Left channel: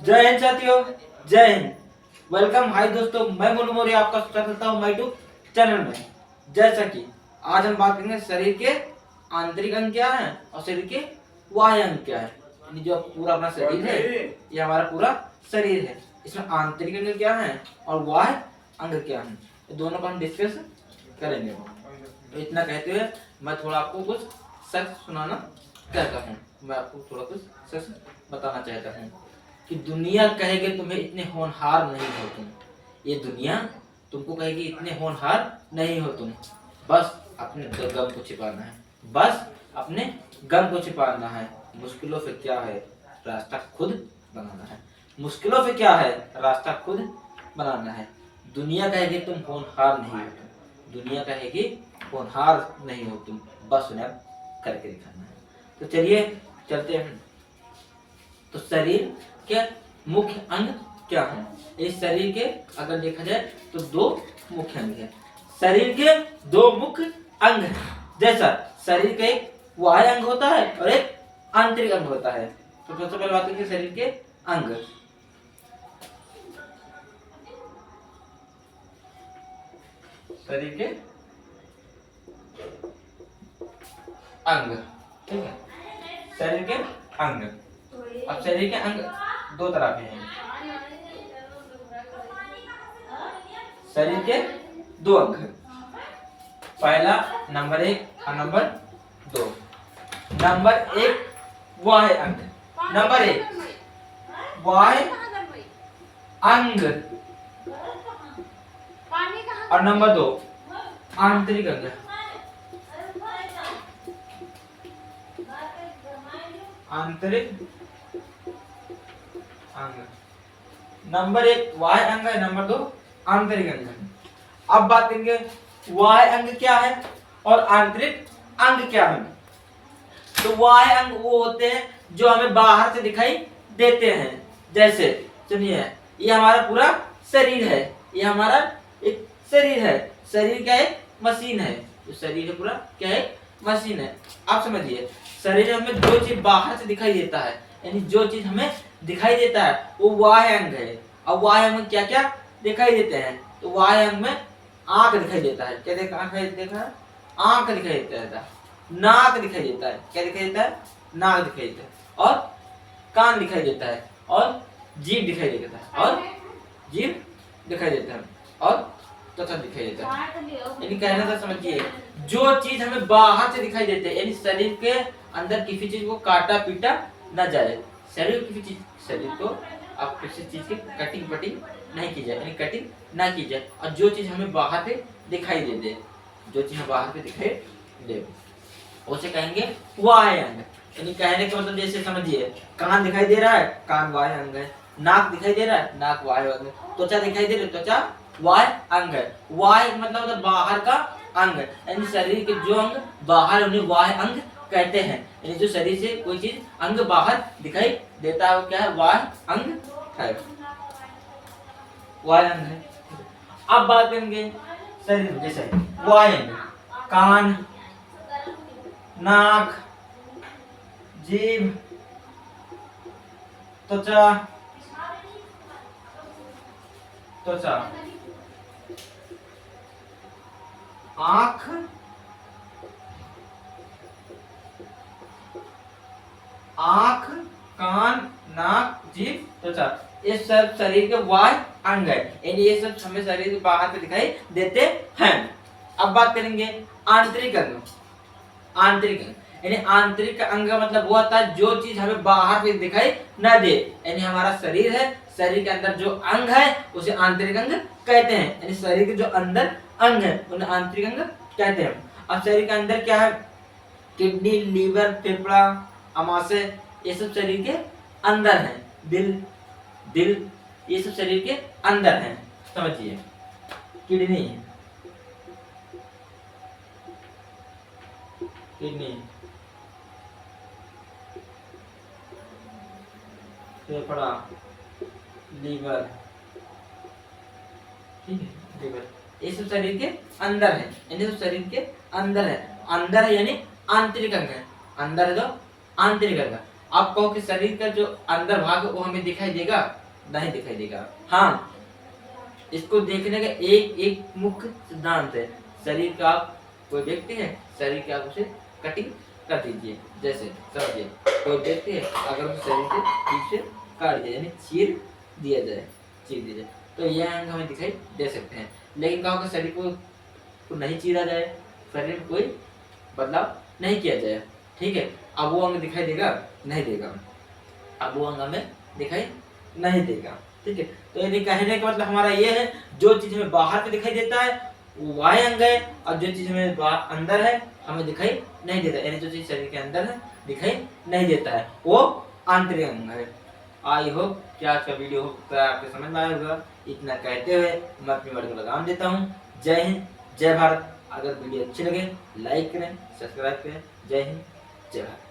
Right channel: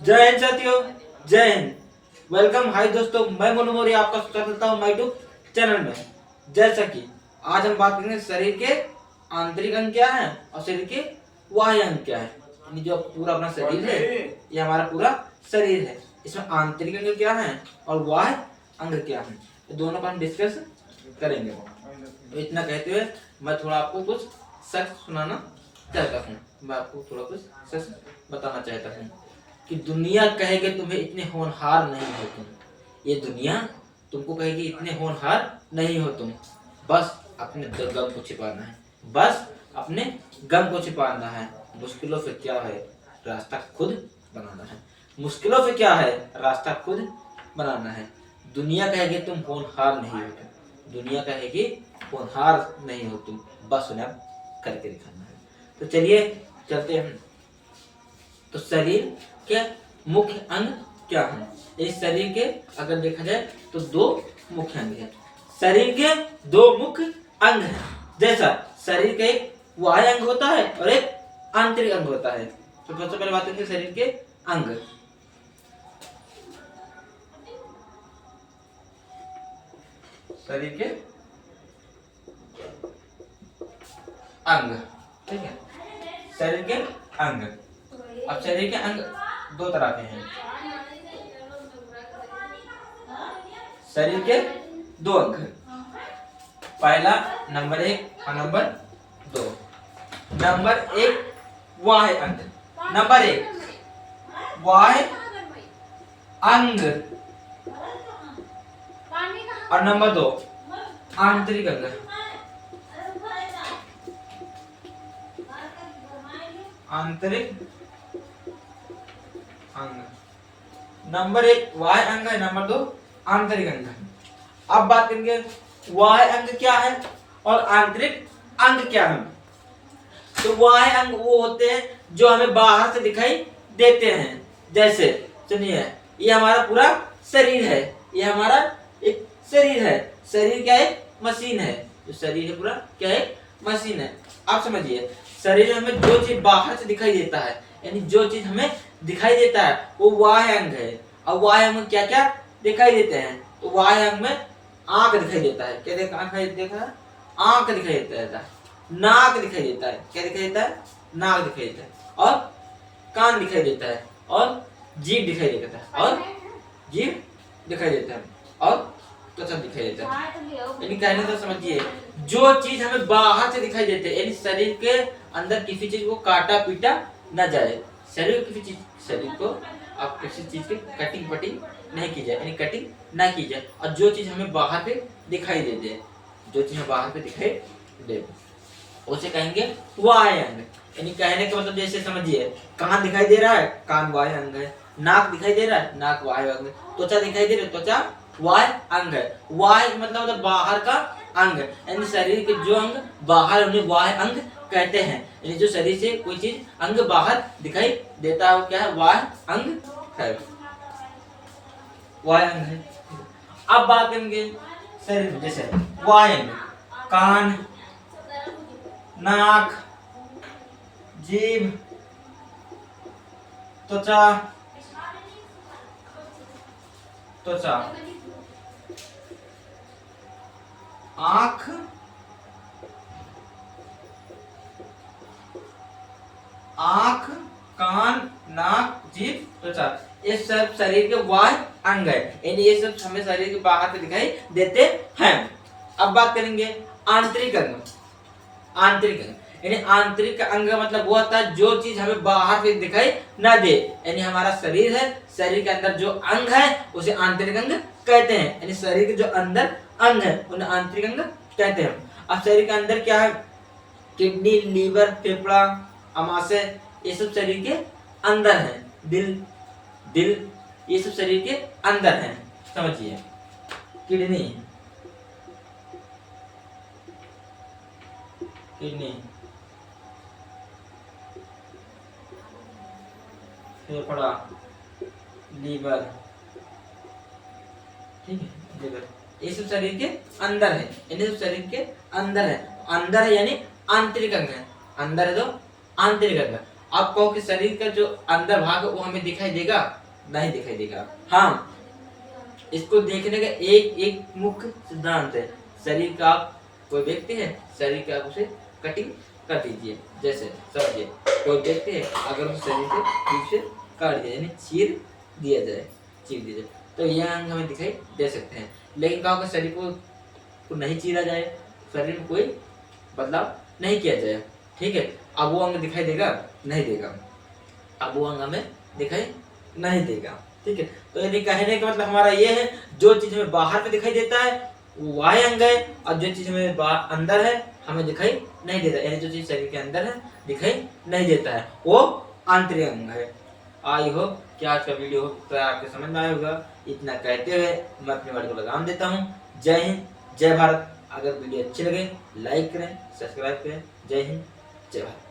जय हिंद साथियों, जय हिंद। वेलकम, हाय दोस्तों, मैं मोनू मौर्य आपका स्वागत करता हूं माय यूट्यूब चैनल में। जैसा कि आज हम बात करेंगे शरीर के आंतरिक अंग क्या है और शरीर के बाह्य अंग क्या है। यानी जो पूरा अपना शरीर है, ये हमारा पूरा शरीर है, इसमें आंतरिक अंग क्या है और बाह्य अंग क्या है, तो दोनों का हम डिस्कस करेंगे। तो इतना कहते हुए मैं थोड़ा आपको कुछ सच सुनाना चाहता हूँ। मैं आपको थोड़ा कुछ सच बताना चाहता हूँ कि दुनिया कहेगी तुम्हें इतने होनहार नहीं हो तुम। ये दुनिया तुमको कहेगी इतने होनहार नहीं हो तुम। बस अपने गम को छिपाना है, बस अपने गम को छिपाना है। मुश्किलों से क्या है, रास्ता खुद बनाना है। मुश्किलों से क्या है, रास्ता खुद बनाना है। दुनिया कहेगी तुम होनहार नहीं हो तुम। दुनिया कहेगी होनहार नहीं हो तुम, बस उन्हें करके दिखाना है। तो चलिए चलते हैं। तो शरीर के मुख्य अंग क्या हैं? इस शरीर के अगर देखा जाए तो दो मुख्य अंग हैं। शरीर के दो मुख्य अंग हैं। जैसा शरीर का एक बाह्य अंग होता है और एक आंतरिक अंग होता है। तो सबसे पहले बात करेंगे शरीर के अंग। शरीर के अंग, ठीक है। शरीर के अंग, अब शरीर के अंग दो तरह के हैं। शरीर के दो अंग, पहला नंबर 1 और नंबर 2। नंबर 1 बाह्य अंग, नंबर 1 बाह्य अंग और नंबर 2 आंतरिक अंग। आंतरिक अंग, नंबर 1 बाह्य अंग है, नंबर 2 आंतरिक अंग है। अब बात करेंगे बाह्य अंग क्या है और आंतरिक अंग क्या है। तो बाह्य अंग वो होते हैं जो हमें बाहर से दिखाई देते हैं। जैसे सुनिए, ये हमारा पूरा शरीर है, ये हमारा एक शरीर है। शरीर क्या है, मशीन है। तो शरीर पूरा क्या है, मशीन है। आप समझिए, शरीर में हमें जो चीज बाहर से दिखाई देता है, यानी जो चीज हमें दिखाई देता है वो बाह्य अंग है। और बाह्य अंग में क्या क्या दिखाई देते हैं, तो बाह्य अंग में आंख दिखाई देता है। क्या दिखाई देता है, आंख दिखाई देता है, नाक दिखाई देता है। क्या दिखाई देता है, नाक दिखाई देता है, और कान दिखाई देता है, और जीभ दिखाई देता है, और जीभ दिखाई देता है, और त्वचा दिखाई देता है। यानी कहने का समझिए, जो चीज हमें बाहर से दिखाई देते हैं, यानी शरीर के अंदर किसी चीज को काटा पीटा न जाए। शरीर किसी चीज, शरीर को आप किसी चीज की कटिंग पटिंग नहीं की जाए, यानी कटिंग ना की जाए। और जो चीज हमें बाहर पे दिखाई दे दे, जो चीज बाहर पे दिखाई दे, उसे कहेंगे बाह्य अंग। यानी कहने का मतलब जैसे समझिए, कान दिखाई दे रहा है, कान बाह्य अंग है। नाक दिखाई दे रहा है, नाक बाह्य अंग है। त्वचा दिखाई दे रही है, त्वचा बाह्य अंग है। बाह्य मतलब बाहर का अंग, यानी शरीर के जो अंग बाहर, उन्हें बाह्य अंग कहते हैं। यानी जो शरीर से कोई चीज अंग बाहर दिखाई देता है वो क्या है, बाह्य अंग है, बाह्य अंग है। अब बात करेंगे शरीर में, जैसे बाह्य अंग, कान, नाक, जीभ, त्वचा, त्वचा, आंख, आंख, कान, नाक, जीभ, त्वचा, ये सब शरीर के बाह्य अंग है। यानी ये सब हमें शरीर के बाहर पे दिखाई देते हैं। अब बात करेंगे आंतरिक अंग। आंतरिक अंग यानी आंतरिक अंग मतलब वो होता है जो चीज हमें बाहर से दिखाई न दे। यानी हमारा शरीर है, शरीर के अंदर जो अंग है उसे आंतरिक अंग कहते हैं। यानी शरीर के जो अंदर अंग है उन्हें आंतरिक अंग कहते हैं। अब शरीर के अंदर क्या है, किडनी, लीवर, फेफड़ा, अमाशय, ये सब शरीर के अंदर है। दिल, ये सब शरीर के अंदर है। समझिए, किडनी, फेफड़ा, लीवर, ठीक है, लीवर, ये सब शरीर के अंदर है। यानी सब शरीर के अंदर है। अंदर है यानी आंतरिक अंग है। अंदर है तो आंतरिक अंग। आप कहो कि शरीर का जो अंदर भाग है वो हमें दिखाई देगा? नहीं दिखाई देगा। हाँ, इसको देखने का एक एक मुख्य सिद्धांत है। शरीर का आप कोई व्यक्ति है, शरीर के आप उसे कटिंग कर दीजिए। जैसे समझिए कोई व्यक्ति है, अगर उस शरीर के बीच से काट दिया यानी चीर दिया जाए, चीर दिया जाए, तो यह अंग हमें दिखाई दे सकते हैं। लेकिन कहा शरीर को नहीं चीरा जाए, शरीर में कोई बदलाव नहीं किया जाए, ठीक है, अब वो अंग दिखाई देगा? नहीं देगा। अब वो अंग हमें दिखाई नहीं देगा, ठीक है। तो यदि कहने का मतलब हमारा ये है, जो चीज हमें बाहर में दिखाई देता है वो बाह्य अंग है, और जो चीज हमें अंदर है हमें दिखाई नहीं देता, यानी जो चीज शरीर के अंदर है दिखाई नहीं देता है, वो आंतरिक अंग है। आई होप कि आज का वीडियो आपके समझ में आया होगा। इतना कहते हुए मैं अपनी वर्ड को लगाम देता हूँ। जय हिंद, जय भारत। अगर वीडियो अच्छी लगे लाइक करें, सब्सक्राइब करें। जय हिंद, जय भारत।